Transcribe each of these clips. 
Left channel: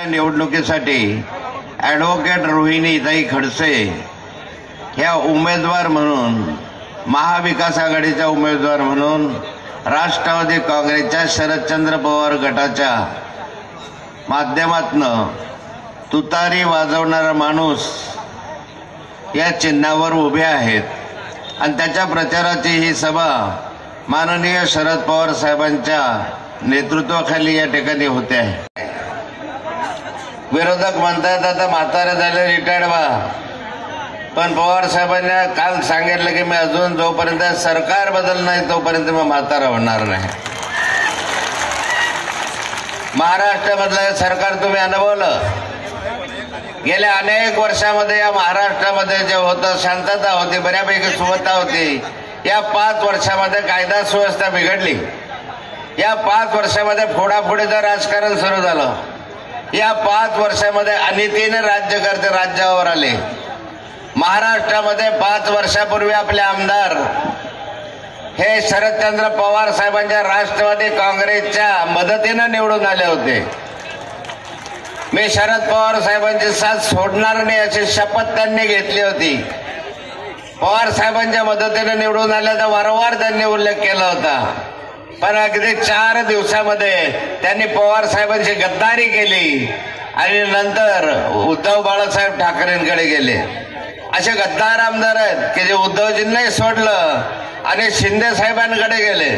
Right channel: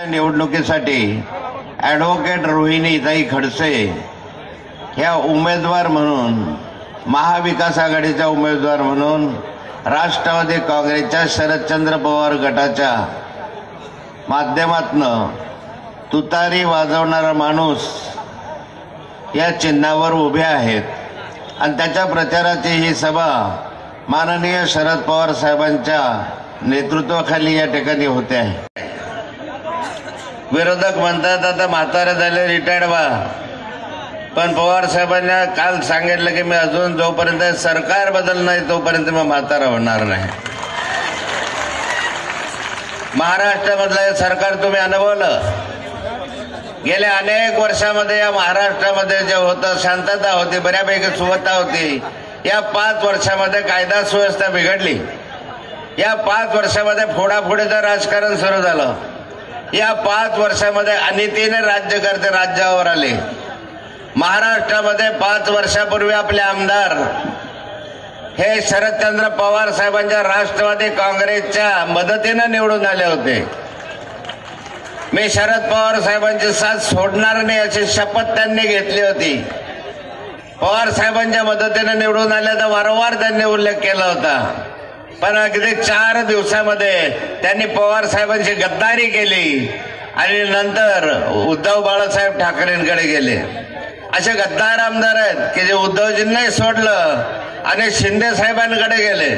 निवडणुकीसाठी ॲडव्होकेट रोहिणीताई खडसे ह्या उमेदवार म्हणून, महाविकास आघाडीच्या उमेदवार म्हणून राष्ट्रवादी काँग्रेसच्या शरदचंद्र पवार गटाच्या माध्यमातून तुतारी वाजवणारा माणूस या चिन्हावर उभे आहेत आणि त्याच्या प्रचाराची ही सभा माननीय शरद पवार साहेबांच्या नेतृत्वाखाली या ठिकाणी होते आहे। विरोधक म्हणतात आता म्हातारे झाले, रिटायर्ड व्हा, पण पवार साहेबांना काल सांगितलं की मी अजून जोपर्यंत सरकार बदल नाही तोपर्यंत मी म्हातारा होणार नाही। महाराष्ट्रामधलं हे सरकार तुम्ही अनुभवलं, गेल्या अनेक वर्षामध्ये या महाराष्ट्रामध्ये जे होतं शांतता होती, बऱ्यापैकी सुव्यवस्था होती। या 5 वर्षामध्ये कायदा सुव्यवस्था बिघडली। या 5 वर्षामध्ये फोडाफोडीचं राजकारण सुरू झालं। या 5 वर्षामध्ये अनितीने राज्यकर्ते राज्यावर आले। महाराष्ट्रामध्ये 5 वर्षापूर्वी आपले आमदार हे शरदचंद्र पवार साहेबांच्या राष्ट्रवादी काँग्रेसच्या मदतीने निवडून आले होते। मी शरद पवार साहेबांची साथ सोडणार नाही अशी शपथ त्यांनी घेतली होती। पवार साहेबांच्या मदतीने निवडून आल्याचा वारंवार त्यांनी उल्लेख केला होता, पण अगदी 4 दिवसामध्ये त्यांनी पवार साहेबांची गद्दारी केली आणि नंतर उद्धव बाळासाहेब ठाकरेंकडे गेले। असे गद्दार आमदार आहेत की जे उद्धवजींनाही सोडलं आणि शिंदे साहेबांकडे गेले,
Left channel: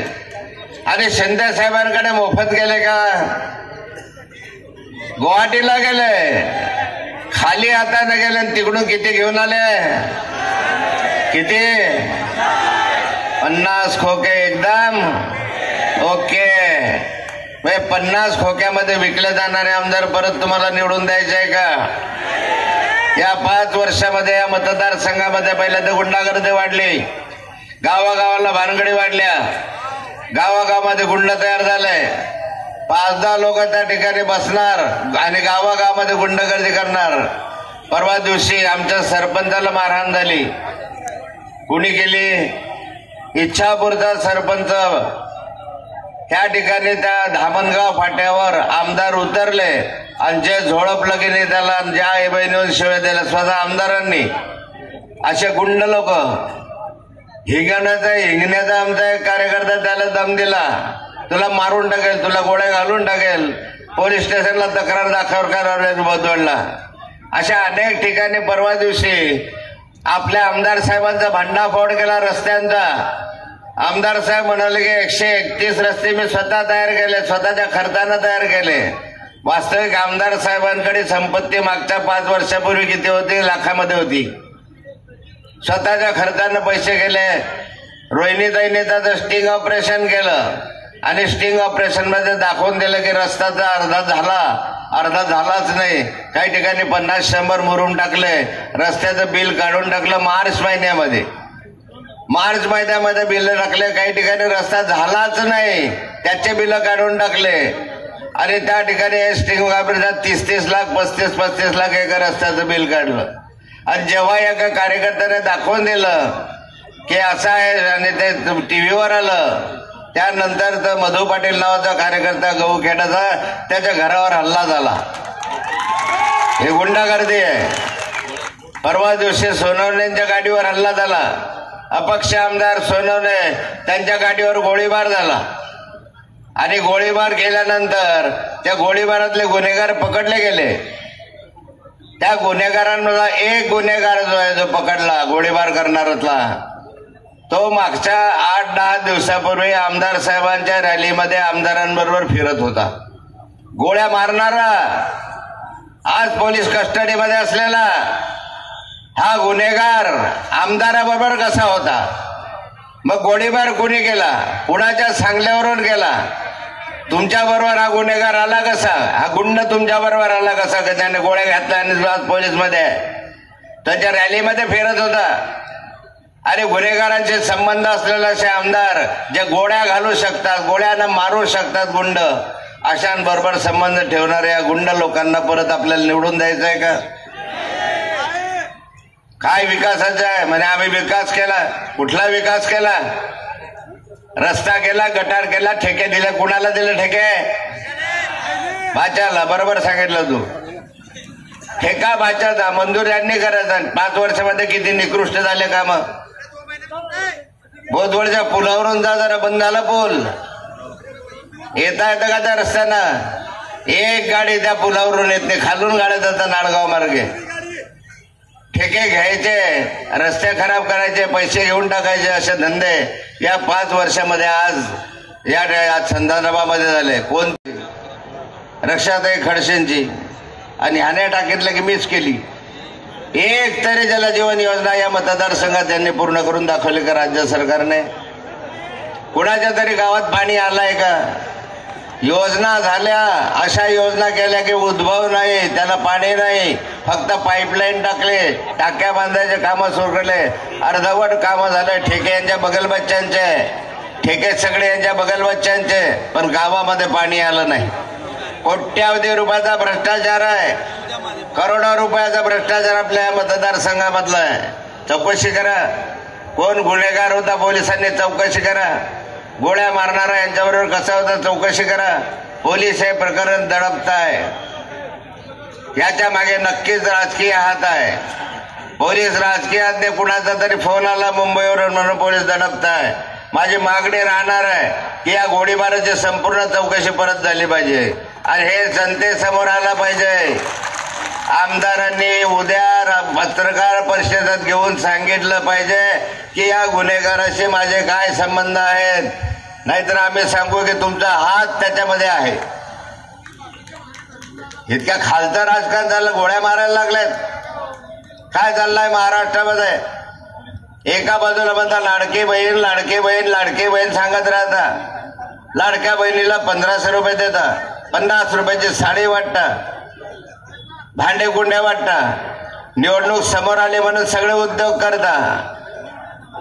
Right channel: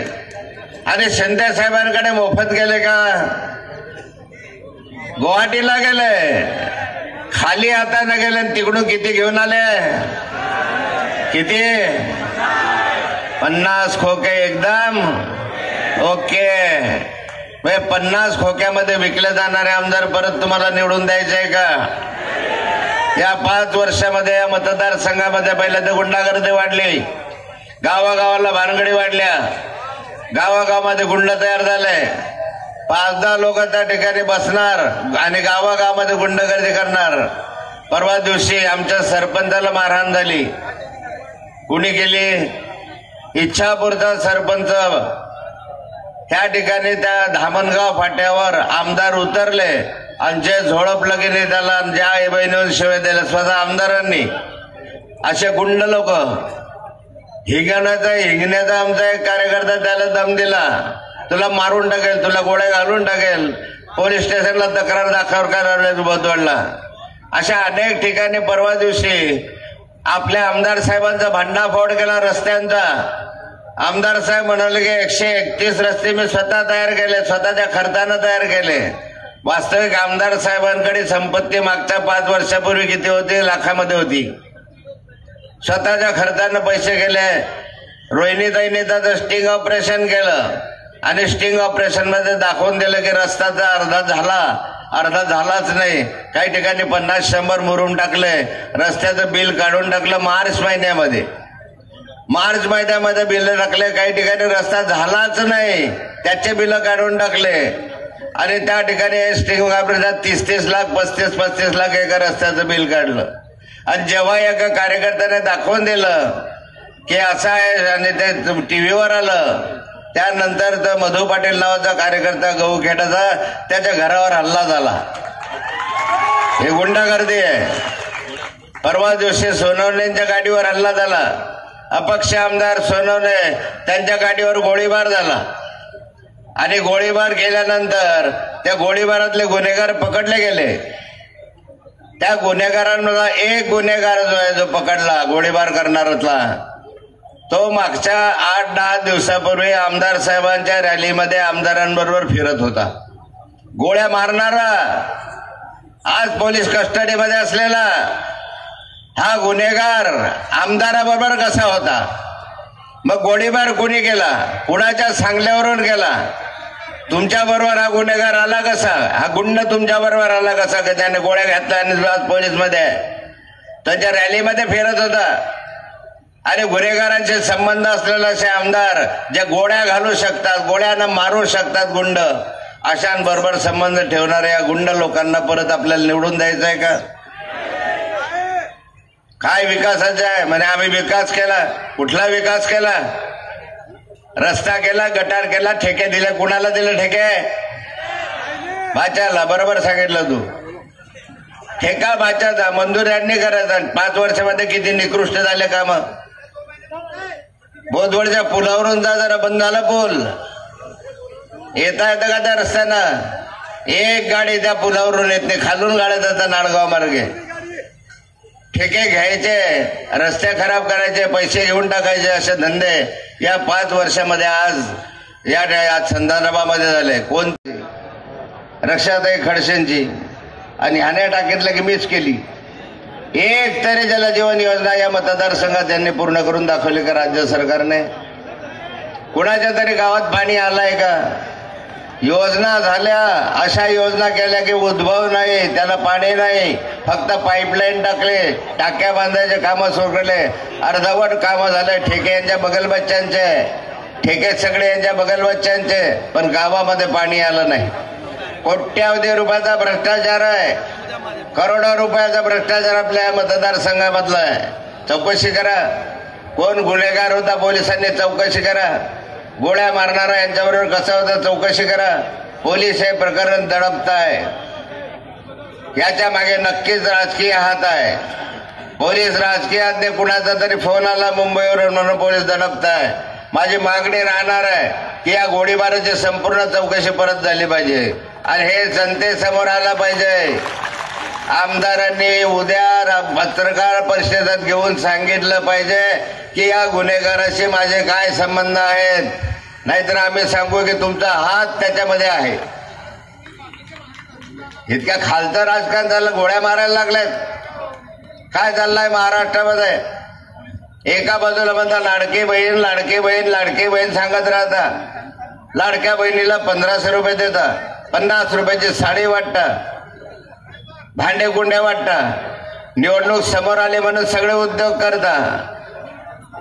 आणि शिंदे साहेबांकडे मोफत गेले का? गुवाहाटीला गेले, खाली हाताने गेले, तिकडून किती घेऊन आले? किती? 50 खोके एकदम ओके। 50 खोक्यामध्ये विकले जाणारे आमदार परत तुम्हाला निवडून द्यायचे आहे का? या 5 वर्षामध्ये या मतदारसंघामध्ये पहिल्या तर गुंडागर्दी वाढली, गावागावाला भानगडी वाढल्या, गावागावामध्ये गुंड तयार झाले। 5-10 लोक त्या ठिकाणी बसणार आणि गावागावामध्ये गुंडगर्दी करणार। परवा दिवशी आमच्या सरपंचाला मारहाण झाली। कुणी केली? इच्छापूरचा सरपंच ह्या ठिकाणी त्या धामणगाव फाट्यावर आमदार उतरले आणि जे झोडपलं की नाही त्याला ज्या बहिणीवर शिव्या दिल्या स्वतः आमदारांनी। असे गुंड लोक, हिंगण्याचा आमचा एक कार्यकर्ता त्याला दम दिला, तुला मारून टाकेल, तुला गोळ्या घालून टाकेल, पोलीस स्टेशनला तक्रार दाखल करायला बोलवला। अशा अनेक ठिकाणी परवा दिवशी आपल्या आमदार साहेबांचा भंडाफोड केला रस्त्यांचा। आमदार साहेब म्हणाले की 131 रस्ते मी स्वतः तयार केले, स्वतःच्या खर्चानं तयार केले। वास्तविक आमदार साहेबांकडे संपत्ती मागच्या 5 वर्षापूर्वी किती होती? लाखामध्ये होती। स्वतःच्या खर्चानं पैसे केले। रोहिणीताईने त्याचं स्टिंग ऑपरेशन केलं आणि स्टिंग ऑपरेशन मध्ये दाखवून दिलं की रस्त्याचा अर्धा झालाच नाही। काही ठिकाणी 50-100 मुरुम टाकले, रस्त्याचं बिल काढून टाकलं मार्च महिन्यामध्ये बिल टाकले। काही ठिकाणी रस्ता झालाच नाही, त्याचे बिल काढून टाकले आणि त्या ठिकाणी स्टिंग ऑपरेशन 30-30 लाख 35-35 लाख एका रस्त्याचं बिल काढलं। आणि जेव्हा एका कार्यकर्त्याने दाखवून दिलं की असं आहे आणि ते टीव्हीवर आलं, त्यानंतर तर मधु पाटील नावाचा कार्यकर्ता गहूखेडाचा त्याच्या घरावर हल्ला झाला। हे गुंडागर्दी आहे। परवा दिवशी सोनवणेंच्या गाडीवर हल्ला झाला। अपक्ष आमदार सोनवणे त्यांच्या गाडीवर गोळीबार झाला आणि गोळीबार केल्यानंतर त्या गोळीबारातले गुन्हेगार पकडले गेले। त्या गुन्हेगारांमधला एक गुन्हेगार जो आहे, जो पकडला गोळीबार करणारातला, तो मागच्या 8-10 दिवसापूर्वी आमदार साहेबांच्या रॅलीमध्ये आमदारांबरोबर फिरत होता। गोळ्या मारणारा आज पोलीस कस्टडीमध्ये असलेला हा गुन्हेगार आमदाराबरोबर कसा होता? मग गोळीबार कुणी केला? कुणाच्या सांगल्यावरून केला? तुमच्या बरोबर हा गुन्हेगार आला कसा? हा गुंड तुमच्या बरोबर आला कसा? की त्याने गोळ्या घातल्या आणि आज पोलीसमध्ये त्याच्या रॅलीमध्ये फिरत होता। अरे गुन्हेगारांचे संबंध असलेले असे आमदार जे गोळ्या घालू शकतात, गोळ्यानं मारू शकतात गुंड, अशांबरोबर संबंध ठेवणाऱ्या या गुंड लोकांना परत आपल्याला निवडून द्यायचं आहे का? काय विकासाचं आहे म्हणजे आम्ही विकास केला? कुठला विकास केला? रस्ता केला, गटार केला, ठेके दिले। कुणाला दिले ठेके? भाच्याला बरोबर सांगितलं तू. ठेका भाच्याचा मंजूर यांनी करायचा. 5 वर्षामध्ये किती निकृष्ट झाले काम. बोधवडच्या पुलावरून जा, जरा बंद झाला पूल. येता येतं का त्या रस्त्यानं एक गाडी त्या पुलावरून येत नाही. खालून गाड्या जातात नाळगाव मार्गे. ठेके घ्यायचे, रस्ते खराब करायचे, पैसे घेऊन टाकायचे, असे धंदे या 5 वर्षामध्ये आज या संधानबामध्ये झाले. कोणती रक्षाताई खडसेंची आणि ह्याने टाकीतलं की मीच केली. एक तरी जलजीवन योजना या मतदारसंघात त्यांनी पूर्ण करून दाखवली का राज्य सरकारने? कुणाच्या तरी गावात पाणी आलंय का? योजना झाल्या, अशा योजना केल्या की उद्भव नाही, त्याला पाणी नाही, फक्त पाईपलाईन टाकले, टाक्या बांधायचे कामं सुरू केले, अर्धवट कामं झाले. ठेके यांच्या बगलबच्च्यांचे, ठेके सगळे यांच्या बगलबच्च्यांचे, पण गावामध्ये पाणी आलं नाही. कोट्यावधी रुपयाचा भ्रष्टाचार आहे, करोडो रुपयाचा भ्रष्टाचार आपल्या या मतदारसंघामधला आहे. चौकशी करा. कोण गुन्हेगार होता पोलिसांनी चौकशी करा. गोळ्या मारणारा यांच्याबरोबर कसा होता चौकशी करा. पोलीस हे प्रकरण दडपताय, याच्या मागे नक्कीच राजकीय हात आहे. पोलीस राजकीयात कुणाचा तरी फोन आला मुंबईवरून म्हणून पोलीस दडपताय. माझी मागणी राहणार आहे की या गोळीबाराची संपूर्ण चौकशी परत झाली पाहिजे आणि हे जनतेसमोर आलं पाहिजे. आमदारांनी उद्या पत्रकार परिषदेत घेऊन सांगितलं पाहिजे की या गुन्हेगाराशी माझे काय संबंध आहेत, नाहीतर आम्ही सांगू की तुमचा हात त्याच्यामध्ये आहे. इतक्या खालचं राजकारण झालं, गोळ्या मारायला लागल्यात. काय चाललंय महाराष्ट्रामध्ये? एका बाजूला म्हणता लाडकी बहीण लाडकी बहीण लाडकी बहीण सांगत राहता. लाडक्या बहिणीला 1500 रुपये देता, 50 रुपयाची साडी वाटता, भांडे गुंड्या वाटता. निवडणूक समोर आली म्हणून सगळे उद्योग करता.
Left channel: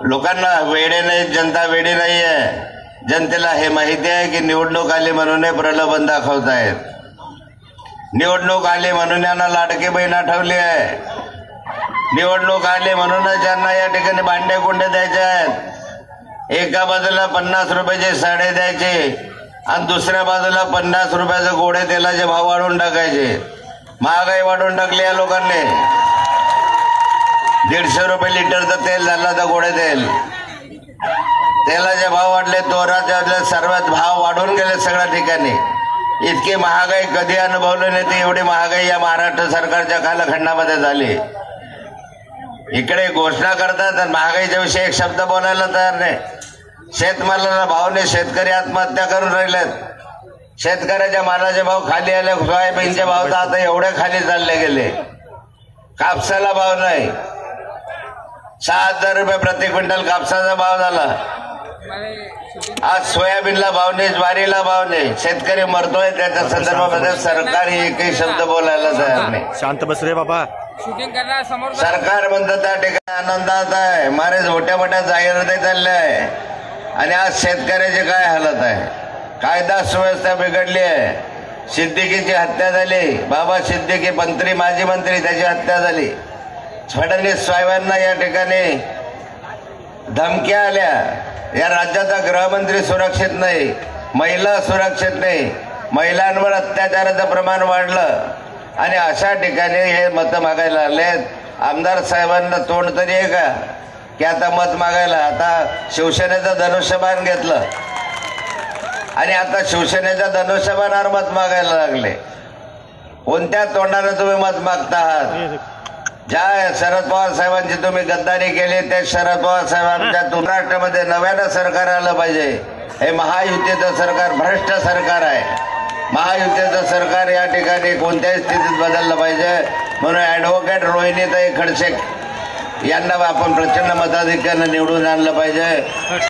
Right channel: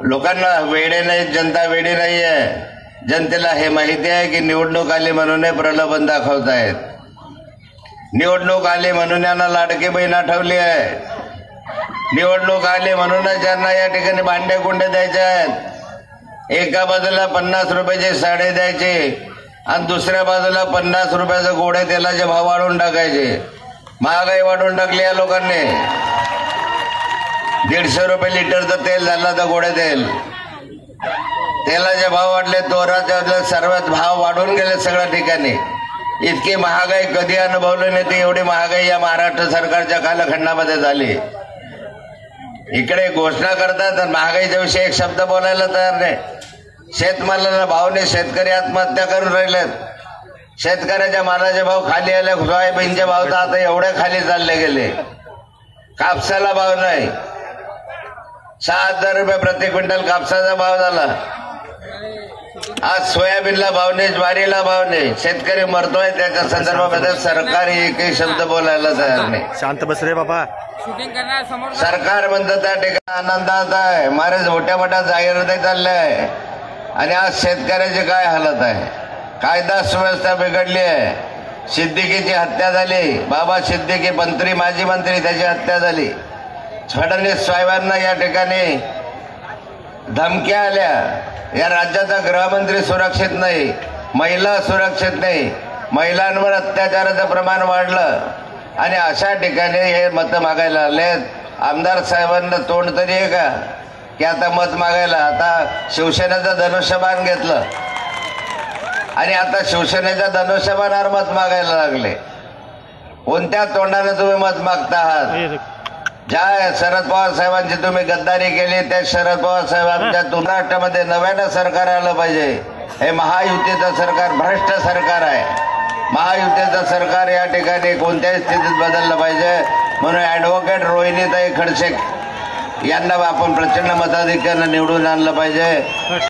लोकांना वेडे नाही, जनता वेडी नाहीये. जनतेला हे माहिती आहे की निवडणूक आली म्हणून प्रलोभन दाखवतायत. निवडणूक आली म्हणून यांना लाडकी बहीण आठवली आहे. निवडणूक आली म्हणूनच यांना या ठिकाणी भांडे गुंडे द्यायचे आहेत. एका बाजूला 50 रुपयाची साडे द्यायचे आणि दुसऱ्या बाजूला 50 रुपयाचे गोडे तेलाचे भाव वाढवून टाकायचे. महागाई वाढवून टाकली या लोकांनी. 150 रुपये लिटरचं तेल झालं तर गोडे तेल. तेलाचे भाव वाढले, तोराचे सर्वात भाव वाढून गेले सगळ्या ठिकाणी. इतकी महागाई कधी अनुभवली नाही ती एवढी महागाई या महाराष्ट्र सरकारच्या कालखंडामध्ये झाली. इकडे घोषणा करतात आणि महागाईच्या विषयी एक शब्द बोलायला तयार नाही. शेतमालाला भाव नाही, शेतकरी आत्महत्या करून राहिलेत. शेतकऱ्याच्या मालाचे भाव खाली आले. सोयाबीनचे भाव तर आता एवढे खाली चालले गेले. कापसाला भाव नाही. 6000 रुपये प्रति क्विंटल कापसाचा भाव झाला. आज सोयाबीनला भाव नाही, ज्वारीला भाव नाही. शेतकरी मरतोय. त्याच्या संदर्भामध्ये सरकारी एकही शब्द बोलायला तयार नाही. शांत बस रे बाबा. सरकार म्हणतं त्या ठिकाणी आनंदात आहे. मारे मोठ्या मोठ्या जाहिराती चालल्या आहे आणि आज शेतकऱ्याची काय हालत आहे. कायदा सुव्यवस्था बिघडली आहे. सिद्दीकीची हत्या झाली. बाबा सिद्दीकी मंत्री, माजी मंत्री, त्याची हत्या झाली. फडणवीस साहेबांना या ठिकाणी धमक्या आल्या. या राज्याचा गृहमंत्री सुरक्षित नाही, महिला सुरक्षित नाही, महिलांवर अत्याचाराचं प्रमाण वाढलं आणि अशा ठिकाणी हे मत मागायला आलेत. आमदार साहेबांना तोंड तरी आहे का की आता मत मागायला? आता शिवसेनेचं धनुष्यबाण घेतलं आणि आता शिवसेनेच्या धनुष्यबाणावर मत मागायला लागले. कोणत्या तोंडाने तुम्ही मत मागता आहात? ज्या शरद पवार साहेबांची तुम्ही गद्दारी केली ते शरद पवार साहेबांच्या महाराष्ट्रामध्ये नव्यानं सरकार आलं पाहिजे. हे महायुतीचं सरकार भ्रष्ट सरकार आहे. महायुतीचं सरकार या ठिकाणी कोणत्याही स्थितीत बदललं पाहिजे. म्हणून ऍडव्होकेट रोहिणीताई खडसे यांना आपण प्रचंड मताधिक्याने निवडून आणलं पाहिजे.